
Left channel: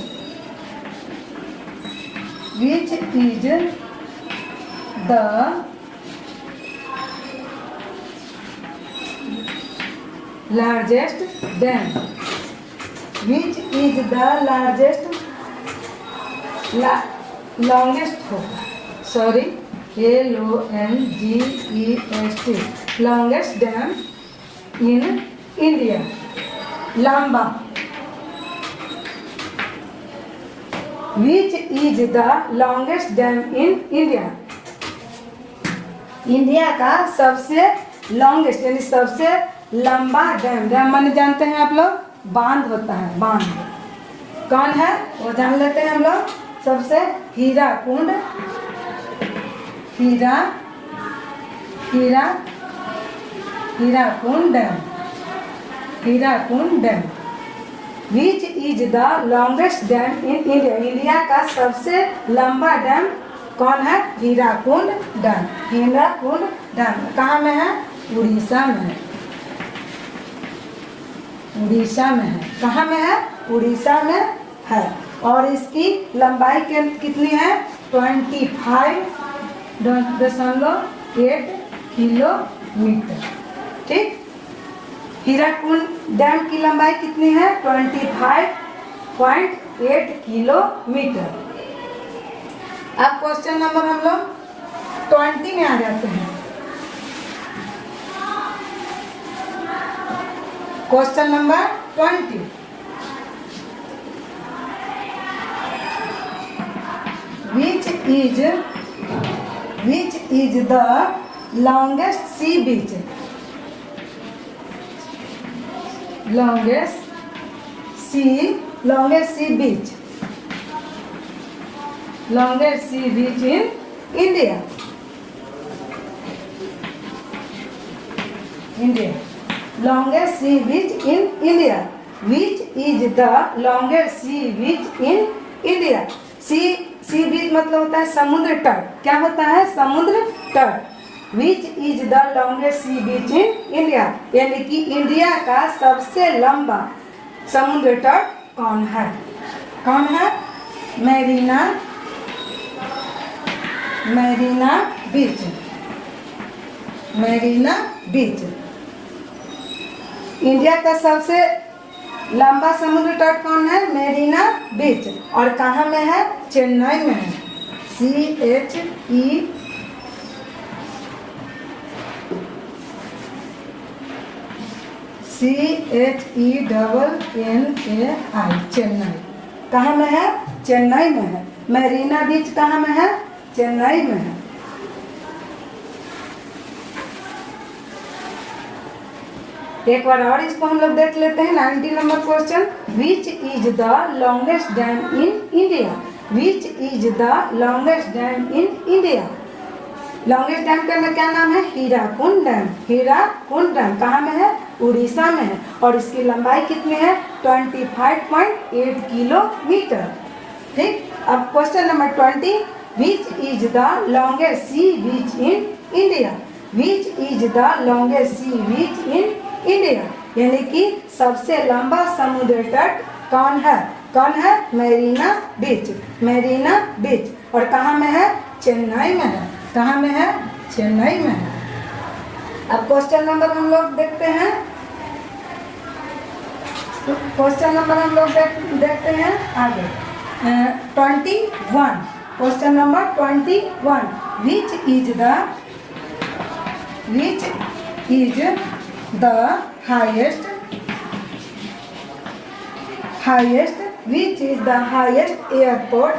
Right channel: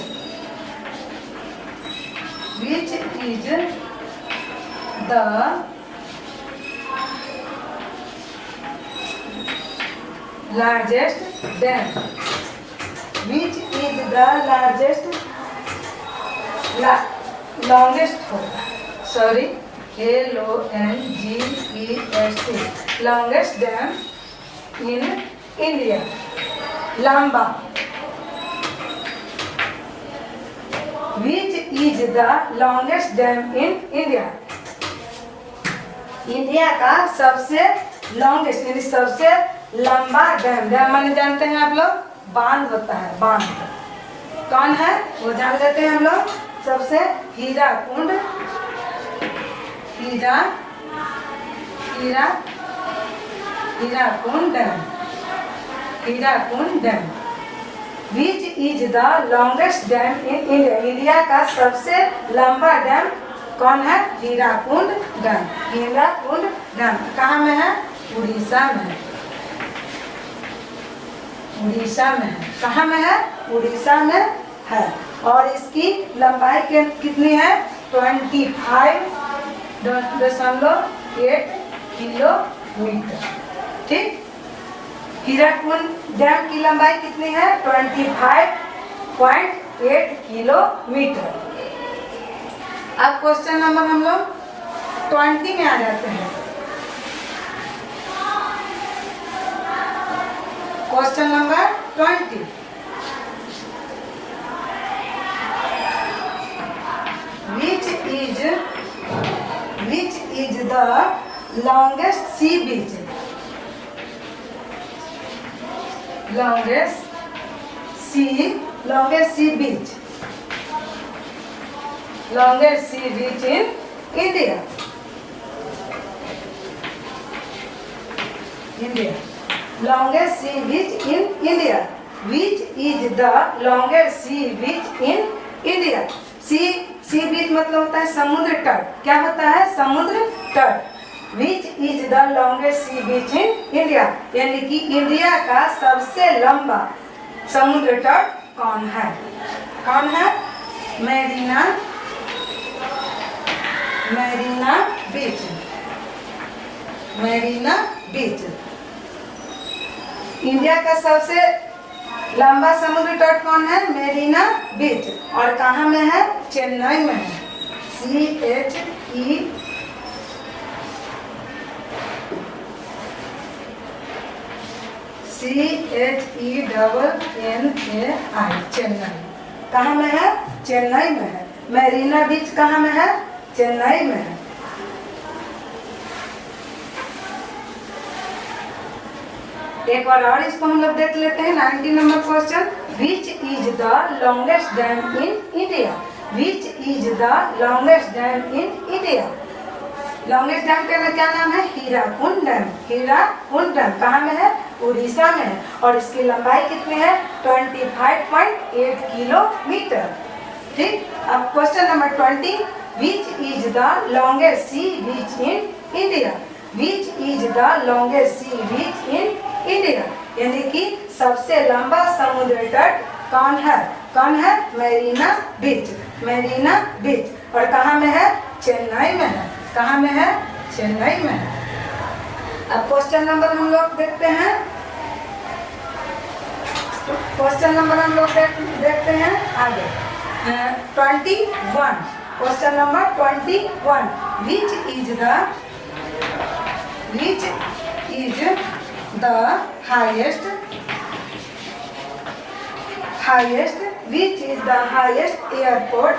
Which is the largest dam? Which is the largest longest sorry LONGEST longest dam in India. लंबा। Which is the longest dam in India? India का सबसे longest यानी सबसे लंबा dam. Dam माने जानते हैं आप लोग? बांध होता है, बांध। कौन है वो जान लेते हैं हम लोग। सबसे Hirakud, Hirakud dam, Hirakud dam. Which is the longest dam in India? India का सबसे लंबा डैम कौन है? हीराकुंड डैम। हीराकुंड डैम कहाँ में है? उड़ीसा में है, उड़ीसा में है। कहाँ में है? उड़ीसा में है। और इसकी लंबाई कितनी है? 25.8 किलोमीटर। ठीक। हीराकुंड डैम की लंबाई कितनी है? 25.8 किलोमीटर। अब क्वेश्चन नंबर हम लोग 20 में आ जाते हैं। Question number 20, which is the longest sea beach? Longest sea beach in India. Longest sea beach in India. Which is the longest sea beach in India? सी बीच मतलब होता है समुद्र तट। क्या होता है? समुद्र तट। Which is the longest sea beach in India यानी कि इंडिया का सबसे लंबा समुद्र तट कौन है? कौन है? मेरीना बीच। मेरीना बीच इंडिया का सबसे लंबा समुद्र तट कौन है? मेरीना बीच। और कहाँ में है? चेन्नई में है। CHENNAI चेन्नई। कहाँ में है? चेन्नई में है। मेरीना बीच कहाँ में है? चेन्नई में है। एक बार और इसको हम लोग देख लेते हैं। 19 number question, which is the longest dam in India? Which is the longest dam in India? Longest dam का क्या नाम है? हीराकुंड डैम। हीराकुंड डैम कहाँ में है? उड़ीसा में है। और इसकी लंबाई कितनी है? 25.8 किलोमीटर। ठीक। अब question number 20, which is the longest sea beach in India? Which is the longest sea beach in India यानी कि सबसे लंबा समुद्र तट कौन है? कौन है? मेरीना बीच। मेरीना बीच। और कहाँ में है? चेन्नई में है। कहाँ में है? चेन्नई में है। अब क्वेश्चन नंबर हम लोग देखते हैं। क्वेश्चन नंबर हम लोग देखते हैं आगे। 21, question number 21, which is the highest which is the highest airport?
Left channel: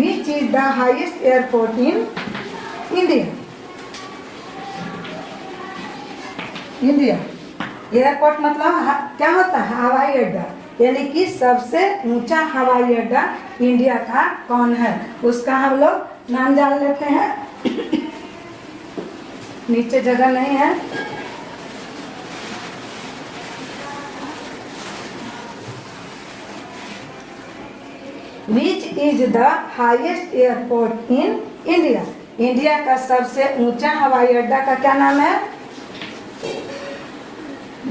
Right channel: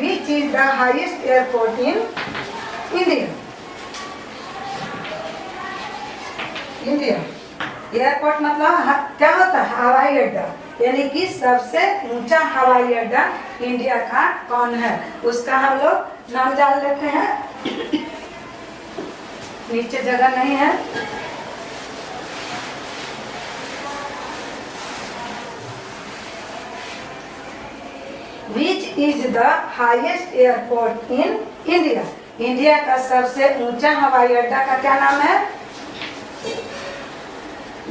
Which is the highest airport in India? Airport मतलब क्या होता है? हवाई अड्डा। यानी कि सबसे ऊंचा हवाई अड्डा इंडिया का कौन है, उसका हम लोग नाम जान लेते हैं। नीचे जगह नहीं है। Which is the highest airport in India? India का सबसे ऊंचा हवाई अड्डा का क्या नाम है?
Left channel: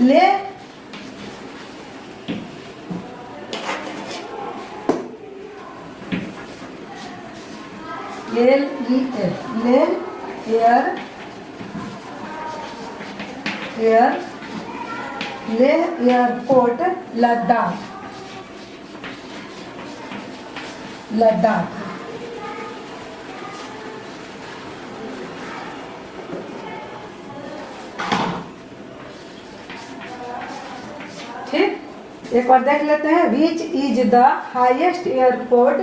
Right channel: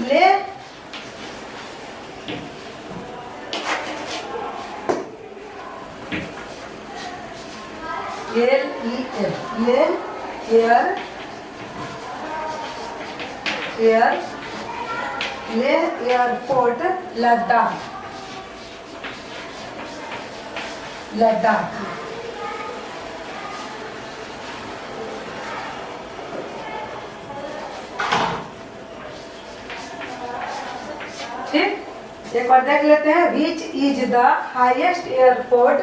ले एयरपोर्ट लद्दाख। ठीक, एक बार देख लेते हैं। Which is the highest airport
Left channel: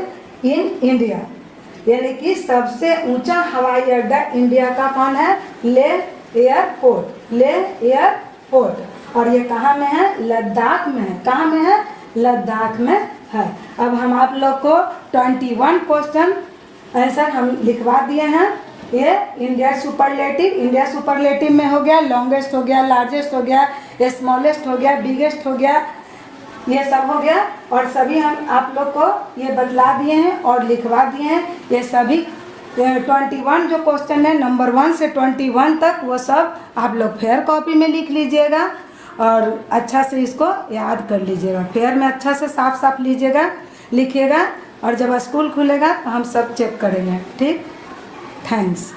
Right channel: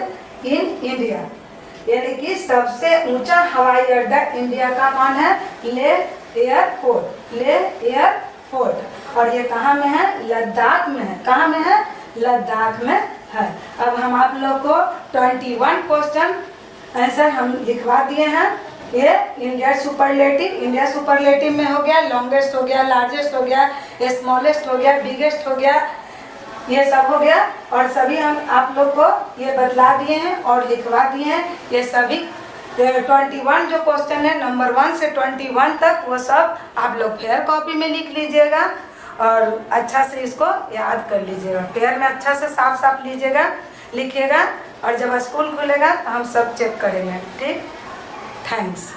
in India, यानी कि सबसे ऊंचा हवाई अड्डा इंडिया का कौन है? ले एयरपोर्ट। ले एयरपोर्ट, और ये कहाँ में है? लद्दाख में है। कहाँ में है? लद्दाख में है। अब हम आप लोग को 21 क्वेश्चन आंसर हम लिखवा दिए हैं। ये इंडिया सुपरलेटिव में हो गया, लॉन्गेस्ट हो गया, लार्जेस्ट हो गया, स्मॉलेस्ट हो गया, बिगेस्ट हो गया, ये सब हो गया। और सभी हम आप लोग को ये बतला दिए हैं और लिखवा दिए हैं। ये सभी 21 जो क्वेश्चन है नंबर 1 से 21 तक, वो सब आप लोग फेयर कॉपी में लिख लीजिएगा और अच्छा से इसको याद कर लीजिएगा। फेयर में अच्छा से साफ साफ लीजिएगा, लिखिएगा, और जब स्कूल खुलेगा तो हम सब चेक करेंगे। ठीक, थैंक्स।